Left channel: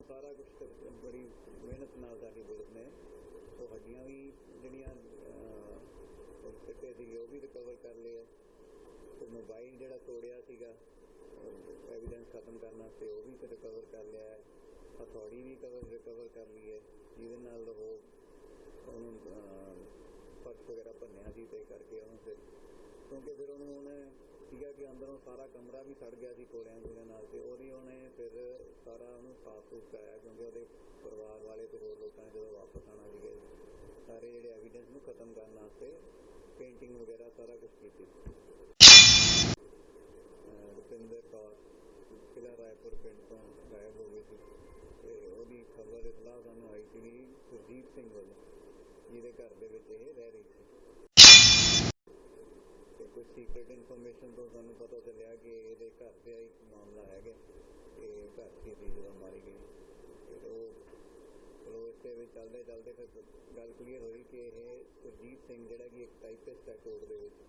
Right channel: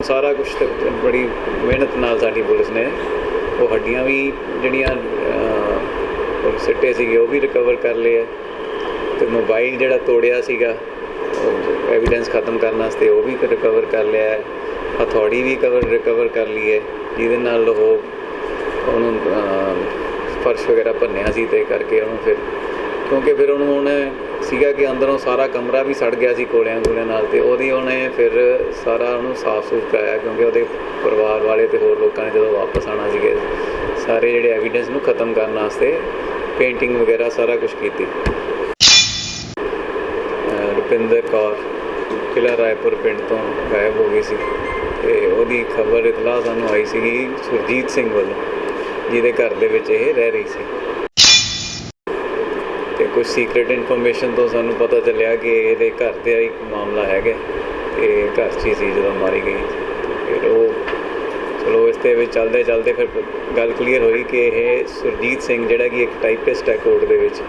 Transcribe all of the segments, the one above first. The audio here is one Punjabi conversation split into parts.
ਸਾਰਾ ਕੁਝ ਬੜੀ ਮਿਹਨਤ ਨਾਲ ਸਾਡੀ ਪੁਲਿਸ ਨੇ ਉਹ ਹੱਡੀਆਂ ਵੀ ਜਿਹੜੀਆਂ ਉਹ ਸਿੱਟੇ ਸੀਗੇ, ਉਹ ਵੀ ਰਿਕਵਰ ਕਰ ਲਏ ਆ। ਤੇ ਮੋਬਾਈਲ ਜਿਹੜਾ ਤੋੜਿਆ ਸੀਗਾ ਐਵੀਡੈਂਸ ਖਤਮ ਕਰਨ ਵਾਸਤੇ ਉਹ ਵੀ ਰਿਕਵਰ ਕਰ ਲਿਆ ਹੈ। ਹਥੌੜੀ ਵੀ ਕਵਰ ਰਿਕਵਰ ਕਰ ਲਈ ਹੈ। ਜਿਹਦੇ ਨਾਲ ਉਹ ਉਹਨੂੰ ਫਰਸ਼ ਵਗੈਰਾ ਭੰਨਿਆ ਸੀ ਤੇ ਕਰਕੇ ਉਹਨੂੰ ਫਿਰ, ਕਿਉਂਕਿ ਫਿਰ ਉਹਨੂੰ ਉਹਨੇ ਸੀਗਾ ਕਿ ਅੰਦਰੋਂ ਸਾਰਾ ਕਮਰਾ ਵੀ ਸੜ ਗਿਆ ਸੀ ਕੋਲਿਆਂ ਕੋਲਿਆਂ ਨਾਲ ਤੇ ਉਹਦੀ ਉਹਨੇ ਫਿਰ ਸਾਰਾ ਉਹਨੂੰ ਸਾਫ਼ ਸੂਫ ਕਰਾਇਆ ਕਿਉਂਕਿ ਉਹਦੇ ਪਰਿਵਾਰ ਵਾਲੇ ਤੇ ਹੋਰ ਲੋਕਾਂ ਨੇ ਜਦੋਂ ਵਾਪਸ ਆਣਾ ਸੀਗੇ, ਸਾਰੇ ਜਿਹੜੇ ਐਵੀਡੈਂਸ ਨੂੰ ਖਤਮ ਕਰਨ ਵਾਸਤੇ ਪੇਂਟਿੰਗ ਵਗੈਰਾ ਸਾਰਾ ਕੁਝ ਕੀਤੀ। ਰੁਪਿੰਦਰ ਕੌਰ ਕਿਲਾ ਰਾਏਪੁਰ ਪਿੰਡ ਤੋਂ ਗਾਇਬ ਹੋ ਗਈ ਸੀ ਤੇ ਉਹਦੀ ਖਬਰ ਇਤਲਾਹ ਸਾਨੂੰ ਆਈ ਸੀਗੀ ਸੁਰਜੀਤ ਸਿੰਘ ਵੱਲੋਂ, ਜਿਹਦੇ ਘਰ ਦੇ ਵਿੱਚ ਇਹ ਰਹਿ ਰਹੀ ਸੀ। ਤੇ ਕੁਝ ਸੀਕ੍ਰੀਟ ਇਨਫੋਰਮੇਸ਼ਨ ਤੋਂ ਸਾਨੂੰ ਪਤਾ ਚੱਲਿਆ ਕਿ ਇਹਦੇ ਘਰ ਤੇ ਇੱਕ ਮਾਮਲਾ ਹੈਗਾ ਤੇ ਘਰ 'ਚ ਹੀ ਸੀ ਜਦੋਂ ਮਾਰੀ ਗਈ। ਫਿਰ ਉਹ, ਚਲੋ ਇਸ 'ਤੇ ਵਿੱਚ ਚੱਲਦੇ ਚੱਲਦੇ ਫਿਰ ਗੱਲ ਕਲੀਅਰ ਹੋਈ ਕਿ ਇਹ ਸੁਰਜੀਤ ਸਿੰਘ ਜਿਹੜਾ ਕਿ ਇੱਕ ਟਾਈਪਿਸਟ ਹੈ ਕੋਰਟ ਦੇ ਵਿੱਚ,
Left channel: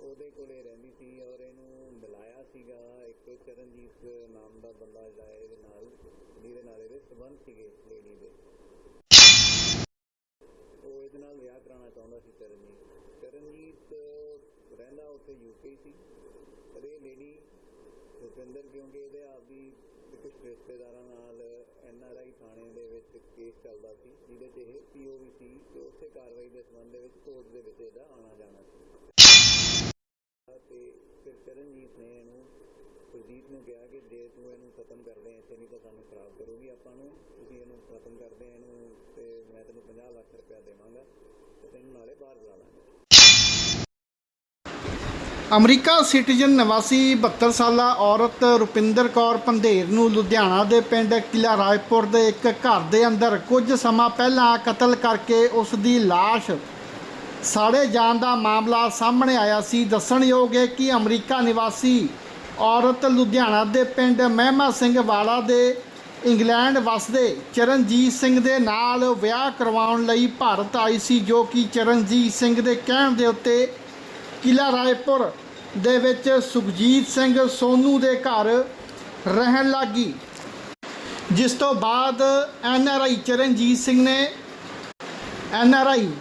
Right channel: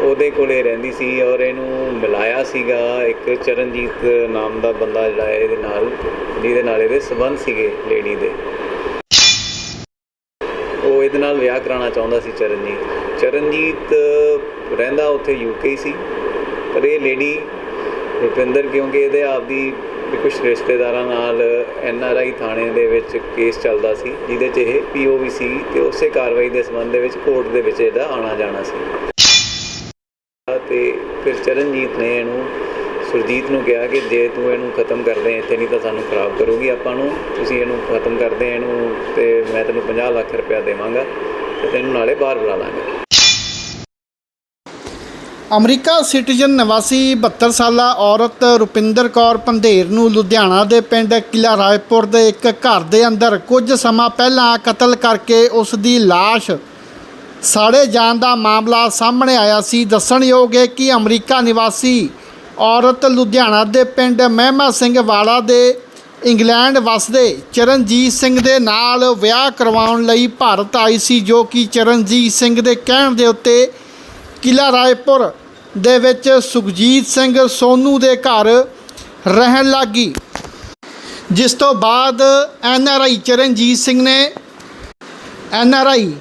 ਉਹਦੇ ਕੋਲੇ ਰਹਿੰਦੀ ਸੀ ਔਰ ਇਹਨੂੰ ਮਿਲਾਇਆ ਸੀਗਾ ਇੱਕ ਚਰਨਜੀਤ ਨਾਮ ਦਾ ਬੰਦਾ ਜਿਹੜਾ ਇਹਦੇ ਨਾਲ, ਜਿਹਦੇ ਨਾਲ ਇਹਦੇ ਸਬੰਧ ਸੀਗੇ ਲੇਡੀ ਦੇ। ਉਹ ਨਾਲ ਵਿਆਹ ਕਰਾਉਣਾ ਚਾਹੁੰਦਾ ਸੀ ਚਰਨਜੀਤ। ਚਰਨਜੀਤ ਰਹਿੰਦਾ ਉੱਥੇ ਯੂਕੇ ਸੀ। ਪਰ ਇਹ ਲੇਡੀ ਰੁਪਿੰਦਰ, ਕਿਉਂਕਿ ਇਹਦੇ ਆਪਦੀ ਕੁਝ ਰਿਸ਼ਤੇਦਾਰਾਂ ਨਾਲ ਐਨ ਆਰ ਆਈ ਥਾਣੇ ਦੇ ਵਿੱਚ ਕੇਸ ਚੱਲਦਾ ਸੀ, ਜਿਹਦੇ 'ਚ ਇਹ ਪੀਓਵੀ ਸੀ ਤੇ ਉਸੇ ਕਾਰਵਾਈ ਦੇ ਸੰਬੰਧ ਦੇ ਵਿੱਚ ਕੋਰਟ ਦੇ ਵਿੱਚ ਇਹਦਾ ਆਣਾ ਜਾਣਾ ਸੀ। ਤੇ ਫਿਰ ਚਰਨਜੀਤ ਨੇ ਇਹਨੂੰ ਸੁਰਜੀਤ ਨੂੰ ਕਿਹਾ ਕਿ ਜੇ ਤੂੰ ਇਹਨੂੰ ਖਤਮ ਕਰਦੇ ਇੱਥੇ ਨਹੀਂ ਤਾਂ ਸਾਨੂੰ ਖਰਾਬ ਕਰੂਗੀ, ਆਪਾਂ ਨੂੰ ਤੁਸੀਂ ਇਹਨੂੰ ਖਤਮ ਕਰਦੇ ਇਹਨੂੰ ਤੇ ਮੈਂ ਤੈਨੂੰ 50 ਲੱਖ ਰੁਪਇਆ ਦੇਵਾਂਗਾ ਤੇ ਤੈਨੂੰ ਨਾਲੇ ਬਾਹਰ ਬੁਲਾ ਲਾਂਗਾ। ਅਮਰੀਕਾ ਸਿਟੀਜ਼ਨ ਨਿਵਾਸੀ 72 ਸਾਲਾ ਔਰਤ ਰੁਪਿੰਦਰ ਕੌਰ ਪੰਧੇਰ ਨੂੰ ਲੁਧਿਆਣਾ ਦੇ ਪਿੰਡ ਕਿਲਾ ਰਾਏਪੁਰ ਦੇ ਇੱਕ ਘਰ ਦੇ ਅੰਦਰ ਕੁਝ ਸਮਾਂ ਪਹਿਲਾਂ ਕਤਲ ਕਰਕੇ ਉਸ ਦੀ ਲਾਸ਼ ਸਾੜੇ ਜਾਣ ਦਾ ਮਾਮਲਾ ਸਾਹਮਣੇ ਆਇਆ ਸੀ। ਦੱਸਣਯੋਗ ਹੈ ਕਿ ਅਮਰੀਕਾ ਨਿਵਾਸੀ ਔਰਤ ਲੁਧਿਆਣਾ ਦੇ ਪਿੰਡ ਮਹਿਮਾ ਸਿੰਘ ਵਾਲਾ ਦੇ ਇੰਗਲੈਂਡ ਵਸਦੇ ਚਰਨਜੀਤ ਸਿੰਘ ਦੇ ਨਾਲ ਵਿਆਹ ਕਰਵਾਉਣ ਲਈ ਭਾਰਤ ਆਈ ਸੀ ਜੋ ਕਿ ਚਰਨਜੀਤ ਸਿੰਘ ਦੇ ਕਹਿਣ ਦੇ ਉੱਤੇ ਕਿਲਾ ਰਾਏਪੁਰ ਦੇ ਵਿੱਚ ਸੁਖਜੀਤ ਸਿੰਘ ਸੋਨੂ ਦੇ ਘਰ ਰਹਿਣ ਲੱਗੀ। ਜਿਸ ਤੋਂ ਬਾਅਦ N R I Charanjit Singh ਨੇ ਐਨ ਆਰ ਆਈ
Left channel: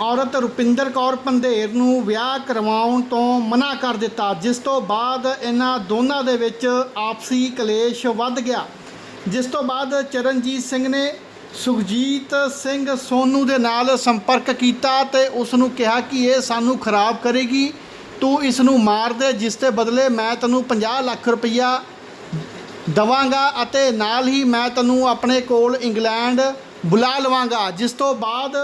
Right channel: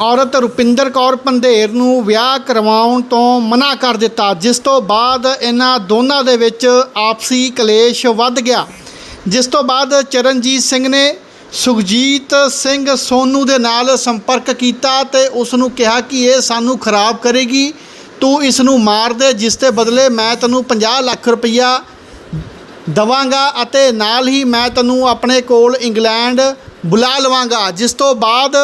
ਔਰਤ ਰੁਪਿੰਦਰ ਕੌਰ ਪੰਧੇਰ ਨੂੰ ਵਿਆਹ ਕਰਵਾਉਣ ਤੋਂ ਮਨਾ ਕਰ ਦਿੱਤਾ, ਜਿਸ ਤੋਂ ਬਾਅਦ ਇਹਨਾਂ ਦੋਨਾਂ ਦੇ ਵਿੱਚ ਆਪਸੀ ਕਲੇਸ਼ ਵੱਧ ਗਿਆ। ਜਿਸ ਤੋਂ ਬਾਅਦ ਚਰਨਜੀਤ ਸਿੰਘ ਨੇ ਸੁਖਜੀਤ ਸਿੰਘ ਸੋਨੂ ਦੇ ਨਾਲ ਸੰਪਰਕ ਕੀਤਾ ਤੇ ਉਸ ਨੂੰ ਕਿਹਾ ਕਿ ਇਹ ਸਾਨੂੰ ਖਰਾਬ ਕਰੇਗੀ, ਤੂੰ ਇਸ ਨੂੰ ਮਾਰ ਦੇ, ਜਿਸ ਦੇ ਬਦਲੇ ਮੈਂ ਤੈਨੂੰ 50 ਲੱਖ ਰੁਪਈਆ ਦਵਾਂਗਾ ਅਤੇ ਨਾਲ ਹੀ ਮੈਂ ਤੈਨੂੰ ਆਪਣੇ ਕੋਲ ਇੰਗਲੈਂਡ ਬੁਲਾ ਲਵਾਂਗਾ। ਜਿਸ ਤੋਂ ਬਾਅਦ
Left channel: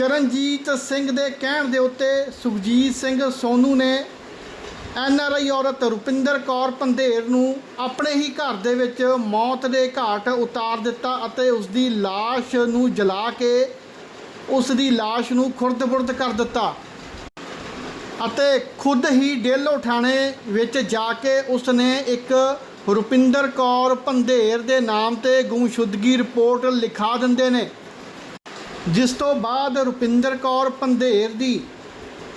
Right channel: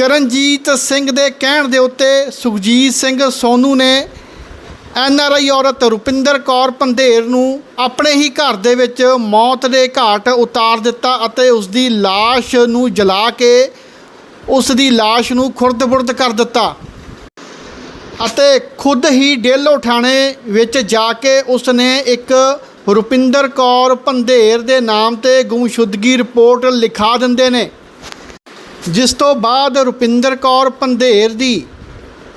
ਚਰਨਜੀਤ ਸਿੰਘ ਦੇ ਕਹਿਣ ਦੇ ਉੱਤੇ ਸੁਖਜੀਤ ਸਿੰਘ ਸੋਨੂ ਨੇ ਐਨ ਆਰ ਆਈ ਔਰਤ ਰੁਪਿੰਦਰ ਕੌਰ ਪੰਧੇਰ ਨੂੰ ਆਪਣੇ ਹੀ ਘਰ ਦੇ ਵਿੱਚ ਮੌਤ ਦੇ ਘਾਟ ਉਤਾਰ ਦਿੱਤਾ ਅਤੇ ਉਸ ਦੀ ਲਾਸ਼ ਨੂੰ ਜਲਾ ਕੇ ਉਸ ਦੀ ਲਾਸ਼ ਨੂੰ ਖੁਰਦ-ਬੁਰਦ ਕਰ ਦਿੱਤਾ ਅਤੇ ਖੁਦ ਹੀ ਡੇਲੋ ਥਾਣੇ ਵਿੱਚ ਜਾ ਕੇ ਉਸ ਨੇ ਇੱਕ ਰੁਪਿੰਦਰ ਕੌਰ ਪੰਧੇਰ ਦੇ ਨਾਮ ਤੇ ਗੁੰਮਸ਼ੁਦਗੀ ਰਿਪੋਰਟ ਲਿਖਾ ਦਿੰਦੇ ਨੇ। ਜਿਸ ਤੋਂ ਬਾਅਦ ਰੁਪਿੰਦਰ ਕੌਰ ਪੰਧੇਰ ਦੀ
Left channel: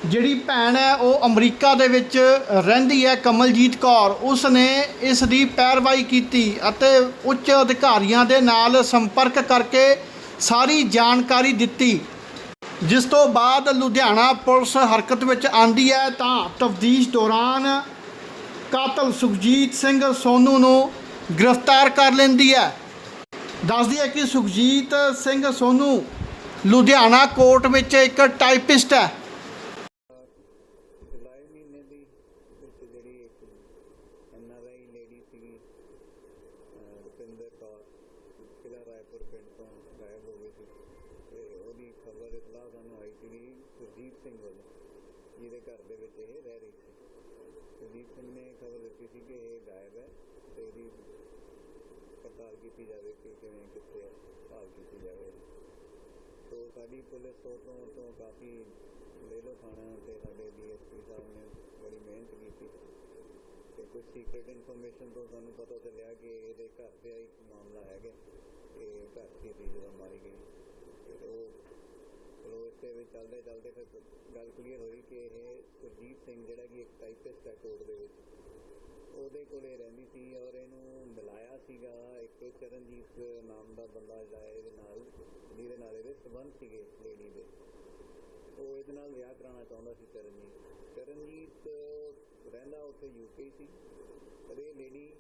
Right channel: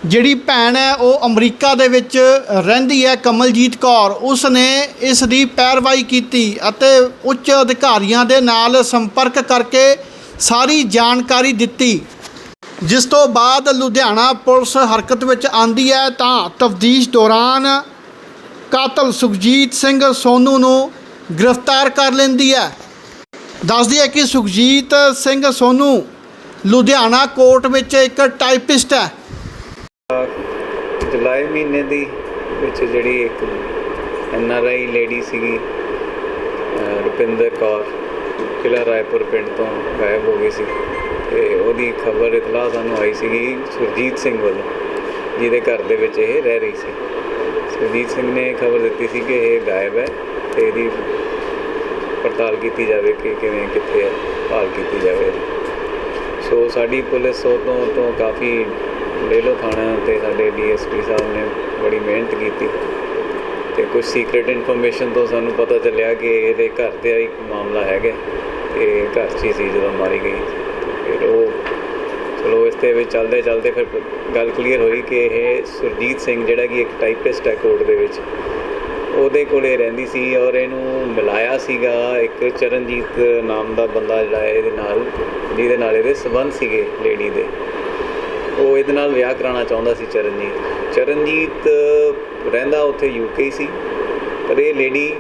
ਜਿਹੜੀ ਭੈਣ ਹੈ, ਉਹ ਅਮਰੀਕਾ ਦੇ ਵਿੱਚ ਰਹਿੰਦੀ ਹੈ, ਕਮਲਜੀਤ ਕੌਰ। ਉਸ ਨੇ ਇਸ ਦੀ ਪੈਰਵਾਈ ਕੀਤੀ ਅਤੇ ਉੱਚ ਅਧਿਕਾਰੀਆਂ ਦੇ ਨਾਲ ਸੰਪਰਕ ਕਰਕੇ ਸਾਰੀ ਜਾਣਕਾਰੀ ਦਿੱਤੀ। ਜਿਸ ਤੋਂ ਬਾਅਦ ਲੁਧਿਆਣਾ ਪੁਲਿਸ ਹਰਕਤ ਵਿੱਚ ਆਂਦੀ ਹੈ, ਤਾਂ ਤਫਦੀਸ਼ ਦੌਰਾਨ ਕਾਤਲ ਸੁਖਜੀਤ ਸਿੰਘ ਸੋਨੂ ਨੂੰ ਗ੍ਰਿਫਤਾਰ ਕਰ ਲੈਂਦੀ ਹੈ। ਦੱਸਦੀ ਹੈ ਕਿ ਸੁਖਜੀਤ ਸਿੰਘ ਸੋਨੂ ਲੁਧਿਆਣਾ ਕੋਰਟ ਵਿੱਚ ਇੱਕ ਟਾਈਪਿਸਟ ਹੈ। ਜੁਲਾਈ ਮਹੀਨੇ ਦੀ ਵਿੱਚ ਜਿਹੜੀ ਇੱਕ ਐਨ ਆਰ ਆਈ ਲੇਡੀ ਸੀਗੀ ਰੁਪਿੰਦਰ ਕੌਰ ਕਿਲਾ ਰਾਏਪੁਰ ਪਿੰਡ ਤੋਂ ਗਾਇਬ ਹੋ ਗਈ ਸੀ। ਤੇ ਉਹਦੀ ਖਬਰ ਇਤਲਾਹ ਸਾਨੂੰ ਆਈ ਸੀਗੀ ਸੁਰਜੀਤ ਸਿੰਘ ਵੱਲੋਂ, ਜਿਹਦੇ ਘਰ ਦੇ ਵਿੱਚ ਇਹ ਰਹਿ ਰਹੀ ਸੀ। ਸੁਰਜੀਤ ਸਿੰਘ ਨੇ ਖਬਰ ਦਿੱਤੀ ਸੀ ਕਿ ਇਹ ਗਾਇਬ ਹੈ ਤੇ ਇਹਦੀ ਪੜਤਾਲ ਕੀਤੀ ਜਾਵੇ ਕਿ ਕਿਵੇਂ, ਕਿੱਥੇ ਹੈ, ਭਾਲ ਕੀਤੀ ਜਾਵੇ ਸੋ ਸਾਡੀ ਪੁਲਿਸ ਉਦੋਂ ਤੋਂ ਕਾਫੀ ਡੇਲੋ ਥਾਣਾ ਤੇ ਸਾਡੇ ਡੀਐਸਪੀ ਸਾਹਿਬ ਨੇ ਬੜੀ ਮਿਹਨਤ ਕੀਤੀ। ਤੇ ਕੁਝ ਸੀਕ੍ਰੀਟ ਇਨਫੋਰਮੇਸ਼ਨ ਤੋਂ ਸਾਨੂੰ ਪਤਾ ਚੱਲਿਆ ਕਿ ਇਹਦੇ ਘਰ ਤੇ ਇੱਕ ਮਾਮਲਾ ਹੈਗਾ ਤੇ ਘਰ 'ਚ ਹੀ ਸੀ ਜਦੋਂ ਮਾਰੀ ਗਈ। ਫਿਰ ਉਹ ਚਲੋ ਇਸ 'ਤੇ ਵਿੱਚ ਚੱਲਦੇ ਚੱਲਦੇ ਫਿਰ ਗੱਲ ਕਲੀਅਰ ਹੋਈ ਕਿ ਇਹ ਸੁਰਜੀਤ ਸਿੰਘ ਜਿਹੜਾ ਕਿ ਇੱਕ ਟਾਈਪਿਸਟ ਹੈ ਕੋਰਟ ਦੇ ਵਿੱਚ, ਉਹਦੇ ਕੋਲੇ ਰਹਿੰਦੀ ਸੀ ਔਰ ਇਹਨੂੰ ਮਿਲਾਇਆ ਸੀਗਾ ਇੱਕ ਚਰਨਜੀਤ ਨਾਮ ਦਾ ਬੰਦਾ ਜਿਹੜਾ ਹੈ, ਇਹਦੇ ਨਾਲ। ਜਿਹਦੇ ਨਾਲ ਇਹਦੇ ਸਬੰਧ ਸੀਗੇ ਲੇਡੀ ਦੇ। ਉਹ ਇਹਦੇ ਨਾਲ ਵਿਆਹ ਕਰਾਉਣਾ ਚਾਹੁੰਦਾ ਸੀ ਚਰਨਜੀਤ। ਚਰਨਜੀਤ ਰਹਿੰਦਾ ਉੱਥੇ ਯੂਕੇ ਸੀ। ਪਰ ਇਹ ਲੇਡੀ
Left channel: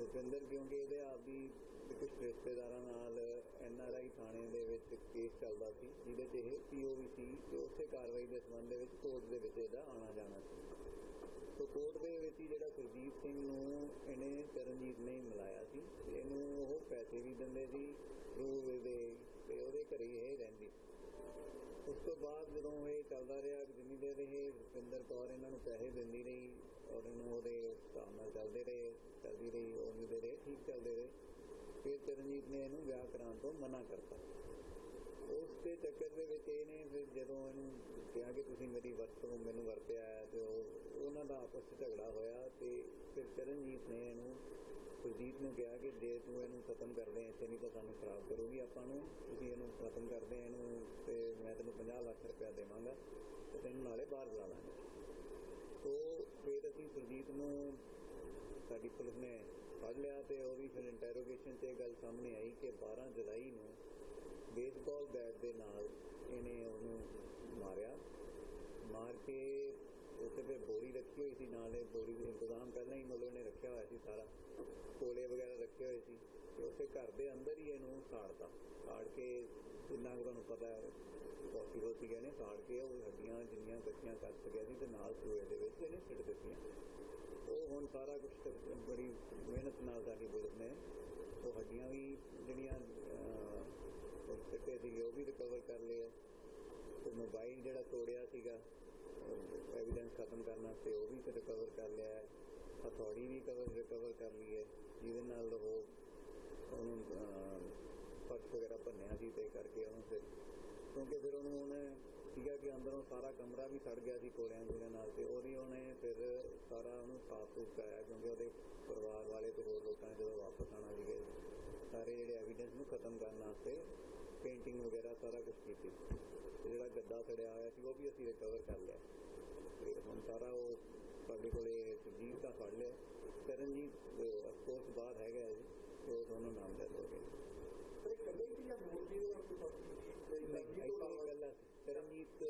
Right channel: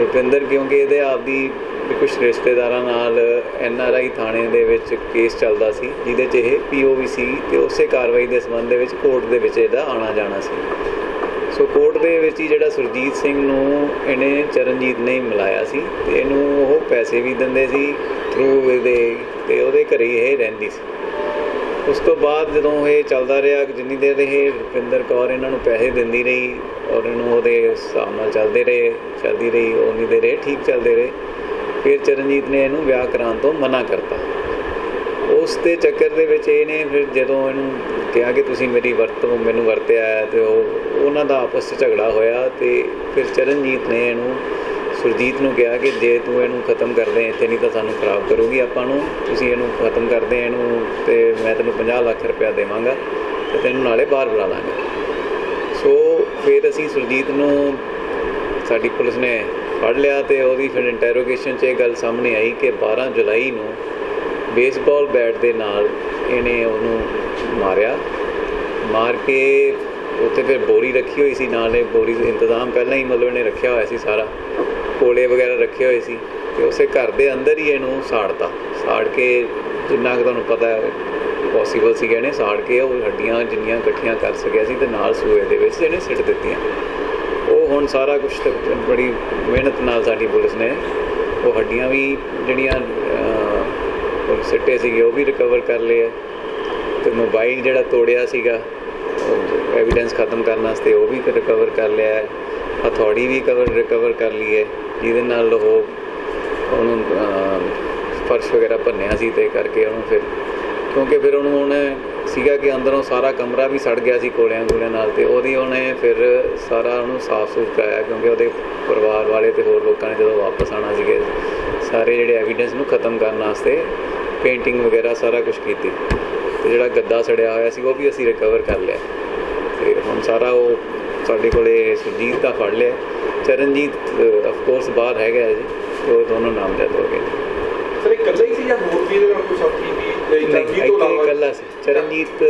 ਰੁਪਿੰਦਰ ਕਿਉਂਕਿ ਇਹਦੇ ਆਪਦੀ ਵੀ ਕੁਝ ਰਿਸ਼ਤੇਦਾਰਾਂ ਨਾਲ ਐਨ ਆਰ ਆਈ ਥਾਣੇ ਦੇ ਵਿੱਚ ਕੇਸ ਚੱਲਦਾ ਸੀ, ਜਿਹਦੇ 'ਚ ਇਹ ਪੀਓਵੀ ਸੀ ਤੇ ਉਸੇ ਕਾਰਵਾਈ ਦੇ ਸੰਬੰਧ ਦੇ ਵਿੱਚ ਕੋਰਟ ਦੇ ਵਿੱਚ ਇਹਦਾ ਆਣਾ ਜਾਣਾ ਸੀ। ਸੋ ਕੋਰਟ ਦੇ ਵਿੱਚ ਹੀ ਜਿਹੜਾ ਸੁਰਜੀਤ ਸਿੰਘ ਨੂੰ ਇਹਨੇ ਚਰਨਜੀਤ ਨੇ ਮਿਲਾਇਆ ਸੀ ਤੇ ਇਹਨੂੰ ਉਹ ਪੈਸੇ ਵੀ ਦਿੰਦੇ ਸੀ। ਥਰੂ ਇਹਦੇ ਤੇ ਉਹਦੇ ਘਰੇ ਹੀ ਇਹ ਰਹਿੰਦੀ ਸੀ। ਉਸ ਤੋਂ ਬਾਅਦ ਜਦੋਂ ਇਹ ਚੱਲਦਾ ਰਿਹਾ ਜਿੰਨੀ ਦੇਰ ਇਹ ਰੁਪਿੰਦਰ ਕੌਰ ਇਹਨਾਂ ਨੂੰ ਪੈਸੇ ਦਿੰਦੀ ਰਹੀ ਔਰ ਇਹਨੂੰ ਉਹਦੇ ਹਿਸਾਬ ਨਾਲ ਚੱਲਦੇ ਰਹੇ, ਚੱਲਦੀ ਰਹੀ ਉਨੀ ਦੇਰ ਇਹ ਠੀਕ ਚੱਲਦੇ ਰਹੇ, ਫਿਰ ਚਰਨਜੀਤ ਨੇ ਇਹਨੂੰ ਵਿਆਹ ਕਰਾਉਣ ਤੋਂ ਮਨਾ ਕਰਤਾ। ਉਸ ਦੇ ਚੱਕਰ ਦੇ ਵਿੱਚ ਇਹਨੇ ਫਿਰ ਜਦੋਂ ਇਹਨੂੰ ਕਿਹਾ ਕਿ ਤੁਸੀਂ ਮੇਰੀ ਵਰਤੋਂ, ਮੈਨੂੰ ਵਰਤਿਆ ਹੈ ਤੇ ਉਹ, ਉਹਨਾਂ ਦਾ ਆਪਸ 'ਚ ਝਗੜਾ ਹੋਇਆ ਤੇ ਫਿਰ ਚਰਨਜੀਤ ਨੇ ਇਹਨੂੰ ਸੁਰਜੀਤ ਨੂੰ ਕਿਹਾ ਕਿ ਜੇ ਤੂੰ ਇਹਨੂੰ ਖਤਮ ਕਰਦੇ ਇੱਥੇ ਨਹੀਂ ਤਾਂ ਸਾਨੂੰ ਖਰਾਬ ਕਰੂਗੀ ਆਪਾਂ ਨੂੰ। ਤੁਸੀਂ ਇਹਨੂੰ ਖਤਮ ਕਰਦੇ ਇਹਨੂੰ ਤੇ ਮੈਂ ਤੈਨੂੰ 50 ਲੱਖ ਰੁਪਇਆ ਦੇਵਾਂਗਾ ਤੇ ਤੈਨੂੰ ਨਾਲੇ ਬਾਹਰ ਬੁਲਾ ਲਾਂਗਾ। ਸੋ ਫਿਰ ਅਸੀਂ ਸੁਰਜੀਤ ਨੂੰ ਸਾਡੀ ਪੁਲਿਸ ਨੇ ਫੜ ਲਿਆ ਤੇ ਉਹਦੀ ਫਿਰ ਇੰਟਰੋਗੇਸ਼ਨ 'ਚ ਇਹ ਗੱਲ ਸਾਹਮਣੇ ਆਈ ਕਿ 12 ਜੁਲਾਈ ਨੂੰ ਬੇਸਬਾਲ ਬੈਟ ਦੇ ਨਾਲ ਇਹਨੇ ਉਹਨੂੰ ਮਾਰਿਆ। ਮਾਰ ਕੇ ਉੱਥੇ ਫਿਰ ਬੋਰੀ ਰੱਖੀ ਹੋਈ ਸੀ, ਨਾਲੇ ਬੋਰੀ ਦਾ ਇੰਤਜ਼ਾਮ ਪਹਿਲਾਂ ਹੀ ਮਤਲਬ ਇਹਨੇ ਰੱਖਿਆ ਹੋਇਆ ਸੀ ਸਾਰਾ। ਕੋਲੇ ਵਗੈਰਾ ਰੱਖੇ ਹੋਏ ਸੀ ਤੇ ਉਸੇ ਘਰ ਦੇ ਅੰਦਰ ਹੀ ਇਹਨੂੰ ਸਾੜਤਾ। ਸਾੜ ਕੇ ਜਿੰਨਾ ਕੁ ਤੁਹਾਨੂੰ ਪਤਾ ਹੈ ਪੋਸੀਬਲ ਸੀ ਇਹਨੇ ਸਾੜ ਕੇ ਉਹ ਹੱਡੀਆਂ ਜਿੰਨੀਆਂ ਇਕੱਠੀਆਂ ਕਰ ਸਕਿਆ ਸੀ ਤੇ ਨਾਲ ਸੂਏ ਦੇ ਵਿੱਚ ਇਹਨੇ ਸਿੱਟ ਦਿੱਤੀਆਂ। ਉਹ ਹੁਣ ਸਾਰਾ ਕੁਝ ਬੜੀ ਮਿਹਨਤ ਨਾਲ ਸਾਡੀ ਪੁਲਿਸ ਨੇ ਉਹ ਹੱਡੀਆਂ ਵੀ ਜਿਹੜੀਆਂ ਉਹ ਸਿੱਟੇ ਸੀਗੇ ਉਹ ਵੀ ਰਿਕਵਰ ਕਰ ਲਏ ਆ। ਤੇ ਮੋਬਾਈਲ ਜਿਹੜਾ ਤੋੜਿਆ ਸੀਗਾ ਐਵੀਡੈਂਸ ਖਤਮ ਕਰਨ ਵਾਸਤੇ ਉਹ ਵੀ ਰਿਕਵਰ ਕਰ ਲਿਆ ਹੈ। ਹਥੌੜੀ ਵੀ ਕਵਰ ਰਿਕਵਰ ਕਰ ਲਈ ਹੈ। ਜਿਹਦੇ ਨਾਲ ਉਹ ਉਹਨੂੰ ਫਰਸ਼ ਵਗੈਰਾ ਭੰਨਿਆ ਸੀ ਤੇ ਕਰਕੇ ਉਹਨੂੰ ਫਿਰ ਕਿਉਂਕਿ ਫਿਰ ਉਹਨੂੰ ਉਹਨੇ ਸੀਗਾ ਕਿ ਅੰਦਰੋਂ ਸਾਰਾ ਕਮਰਾ ਵੀ ਸੜ ਗਿਆ ਸੀ ਕੋਲਿਆਂ ਗੋਲਿਆਂ ਨਾਲ ਤੇ ਉਹਦੀ ਉਹਨੇ ਫਿਰ ਸਾਰਾ ਉਹਨੂੰ ਸਾਫ਼ ਸੁਥਰਾ ਕਰਾਇਆ ਕਿਉਂਕਿ ਉਹਦੇ ਪਰਿਵਾਰ ਵਾਲੇ ਤੇ ਹੋਰ ਲੋਕਾਂ ਨੇ ਜਦੋਂ ਵਾਪਸ ਆਣਾ ਸੀਗੇ, ਸਾਰੇ ਜਿਹੜੇ ਐਵੀਡੈਂਸ ਨੂੰ ਖਤਮ ਕਰਨ ਵਾਸਤੇ ਪੇਂਟਿੰਗ ਵਗੈਰਾ ਸਾਰਾ ਕੁਝ ਕੀਤੀ। ਤੇ ਜਿਹੜਾ ਗੱਦਾ ਸੜਿਆ ਹੋਇਆ ਸੀ ਉਹ ਵੀ ਅਸੀਂ ਰਿਕਵਰ ਕਰ ਲਿਆ। ਤੇ ਹੁਣ ਸਾਰਾ ਉਹ ਸਾਡੇ ਕੋਲੇ ਸੁਰਜੀਤ ਦਾ ਫੜ ਲਿਆ। ਚਰਨਜੀਤ ਆਫ ਕੋਰਸ ਬਾਹਰ ਹੈਗਾ ਜੀ। ਤੇ ਉਹ ਦੋਨੋਂ ਨਾਮਜ਼ਦ ਹੋ ਗਏ। ਸਰ ਇਹ ਇਕੱਲਾ ਹੀ ਸੀ ਜਾਂ ਹੋਰ ਵੀ ਇਹਦੇ ਨਾਲ ਕੋਈ ਸਾਥੀ ਵੀ? ਨਹੀਂ ਤੋਂ ਇਕੱਲਾ ਸੀ। ਚਰਨਜੀਤ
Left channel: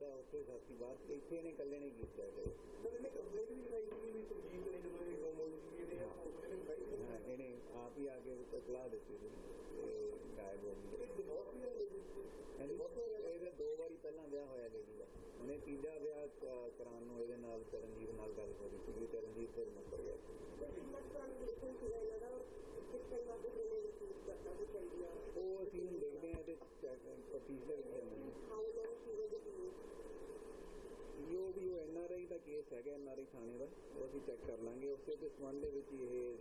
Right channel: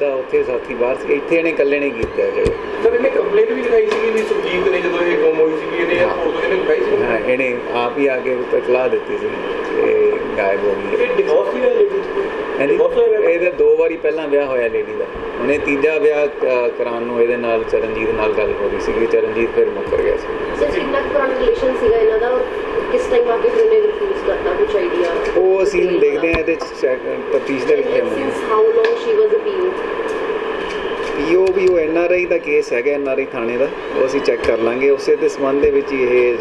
ਦਾ ਉੱਥੇ ਸਾਥੀ ਬਾਹਰ ਸੀ। ਇੱਥੇ ਇਹਨੇ ਇਕੱਲੇ ਨੇ ਕੀਤਾ ਜਿਹੜੇ ਸਰ ਇਹਨੇ ਕੰਪਲੇਂਟ ਵੀ ਲਿਖਾਈ ਸੀ ਵੀ ਸੁਰਜੀਤ ਨੇ ਜਦੋਂ ਇਹ ਗੁੰਮ ਹੋਈ ਸੀ ਇਹਨੇ ਫੋਟੋ ਇਹਨੇ ਲਿਖਾਈ ਸੀ? ਹਾਂ ਇਹਨੇ ਆਪ ਹੀ ਆ ਕੇ ਇਤਲਾਹ ਦਿੱਤੀ ਸੀ ਕਿ ਗਾਇਬ ਹੋ ਗਈ ਇਹ ਡਿਵੋਰਸ ਹੀ ਹੈ ਲੇਡੀ ਇਹਦੇ ਦੋ ਵਾਰੀ ਪਹਿਲਾਂ ਵਿਆਹ ਹੋਇਆ ਲੇਡੀ ਦਾ। ਉਹਨੇ ਤੀਜਾ ਵਿਆਹ ਕਰਾਉਣ ਨੂੰ ਇਹਦੇ ਨਾਲ ਚਰਨਜੀਤ ਨਾਲ ਗੱਲ ਹੋ ਰਹੀ ਸੀ ਕਿ ਚਰਨਜੀਤ ਫਿਰ ਮੁੱਕਰ ਗਿਆ ਸੀ। ਸਰ ਕਿੰਨਾ ਕੁ ਪੁਰਾਣਾ ਰਿਲੇਸ਼ਨ ਸੀਗਾ ਇਹਨਾਂ ਦਾ? ਕਿਸ ਟਾਈਮ ਆ ਕੇ ਫਿਰ ਉਹਨੇ ਰਿਫਿਊਜ਼ ਕਰਤਾ? ਕੁਝ ਆਈਡੀਆ ਉਹ ਅਸੀਂ ਹੁਣ ਦੇਖਦੇ ਹਾਂ ਇਹਦੇ ਤਫਤੀਸ਼ ਦੇ ਵਿੱਚ ਹਾਊ ਲੌਂਗ ਸ਼ੀ ਵਾਸ ਅ ਪੀਓ ਪੀਓ ਵੀ ਉਹ ਐਨ ਆਰ ਆਈ ਦਾ ਕੇਸ ਹੈਗਾ ਐਨ ਆਰ ਆਈ ਥਾਣੇ ਦਾ। ਉਹ ਅਸੀਂ ਚੈੱਕ ਕਰ ਲਾਂਗੇ। ਉਸੇ ਦੇ ਸੰਬੰਧ ਦੇ ਵਿੱਚ ਹੀ ਇਹ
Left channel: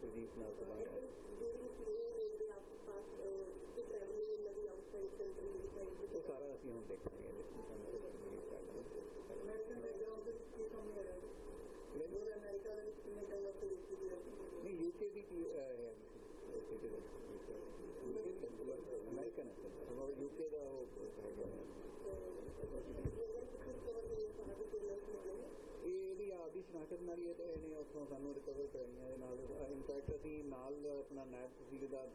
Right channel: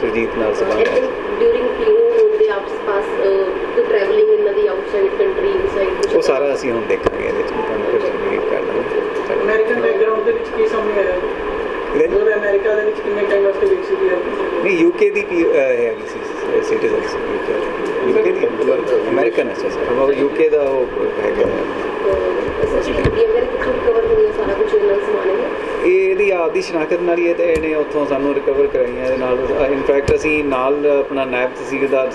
ਸੁਰਜੀਤ ਨਾਲ ਸੰਬੰਧ ਹੈ। ਡਿਊਰਿੰਗ ਪੀਓ ਹੋਣ ਦੇ ਆਪਸ ਪਾਸ ਸਾਰਾ ਅਸੀਂ ਹੁਣ ਦੇਖਾਂਗੇ ਇਹਦੇ ਵਿੱਚ ਤੁਹਾਨੂੰ ਕੁਝ ਬਰੀਫ ਕਰ ਦਾਂਗੇ ਅਮਰੀਕਨ ਬੈਕਗ੍ਰਾਉਂਡ ਦੇ ਵਿੱਚ ਕੀ ਸਾਹਮਣੇ ਆਇਆ ਇਹਦੇ- ਜਦੋਂ ਅਮਰੀਕਾ ਦੇ ਵਿੱਚ ਕਿੰਨੇ ਟਾਈਮ ਵਾਸਤੇ ਦੀ ਹੈ ਨਹੀਂ ਯੂਕੇ ਦੀ ਸੀ ਸਿਟੀਜ਼ਨ ਸੀ ਯੂਕੇ ਦੀ ਅਮਰੀਕਨ ਹੈ ਸਰ ਉਹ ਯੂਕੇ ਦਾ ਉਹ ਹੈਗਾ ਸੀਸੀਟੀਵੀ ਵਗੈਰਾ ਕਿੱਥੋਂ ਰਿਕਵਰ ਹੋਈ ਹੈ ਸਾਰਾ ਕੁਝ ਇਹਨਾਂ ਸਮਾਨ ਹੈ ਇਹ ਇਹਦੀ ਆਪਦੀ ਸ਼ਨਾਖਤ ਨਾਲ ਹੀ ਇਹ ਤੇ ਇਹਨੇ ਉੱਥੋਂ ਸਾਨੂੰ ਰਿਕਵਰ ਕਰਾਈਆਂ ਇਹਦੇ ਨਾਲ ਇਨਫੈਕਟ ਅਸੀਂ ਨਾਲ ਆਪਣਾ ਨਾਇਬ ਤਹਿਸੀਲਦਾਰ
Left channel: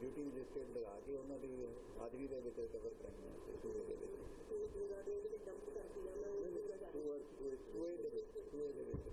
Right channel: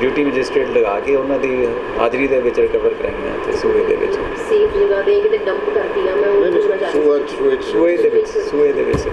ਡਿਊਟੀ ਮੈਜਿਸਟ੍ਰੇਟ ਲਗਾ ਕੇ ਉਹਨਾਂ ਦੀ ਹਾਜ਼ਰੀ ਦੇ ਵਿੱਚ ਰਿਕਵਰ ਕਰਾਈਆਂ ਤੇ ਸੂਏ ਦੇ ਵਿੱਚ। ਸੇਫ ਜਗ੍ਹਾ ਤੇ ਕਿਤੇ ਡੰਪ ਕਰਤੀ ਆ ਮੈਂ ਉਹ ਪੁੱਛਣਾ ਚਾਹ ਰਹੀ ਸੀ ਸੂਏ ਦੇ ਵਿੱਚ ਸੂਏ ਦੇ ਵਿੱਚ।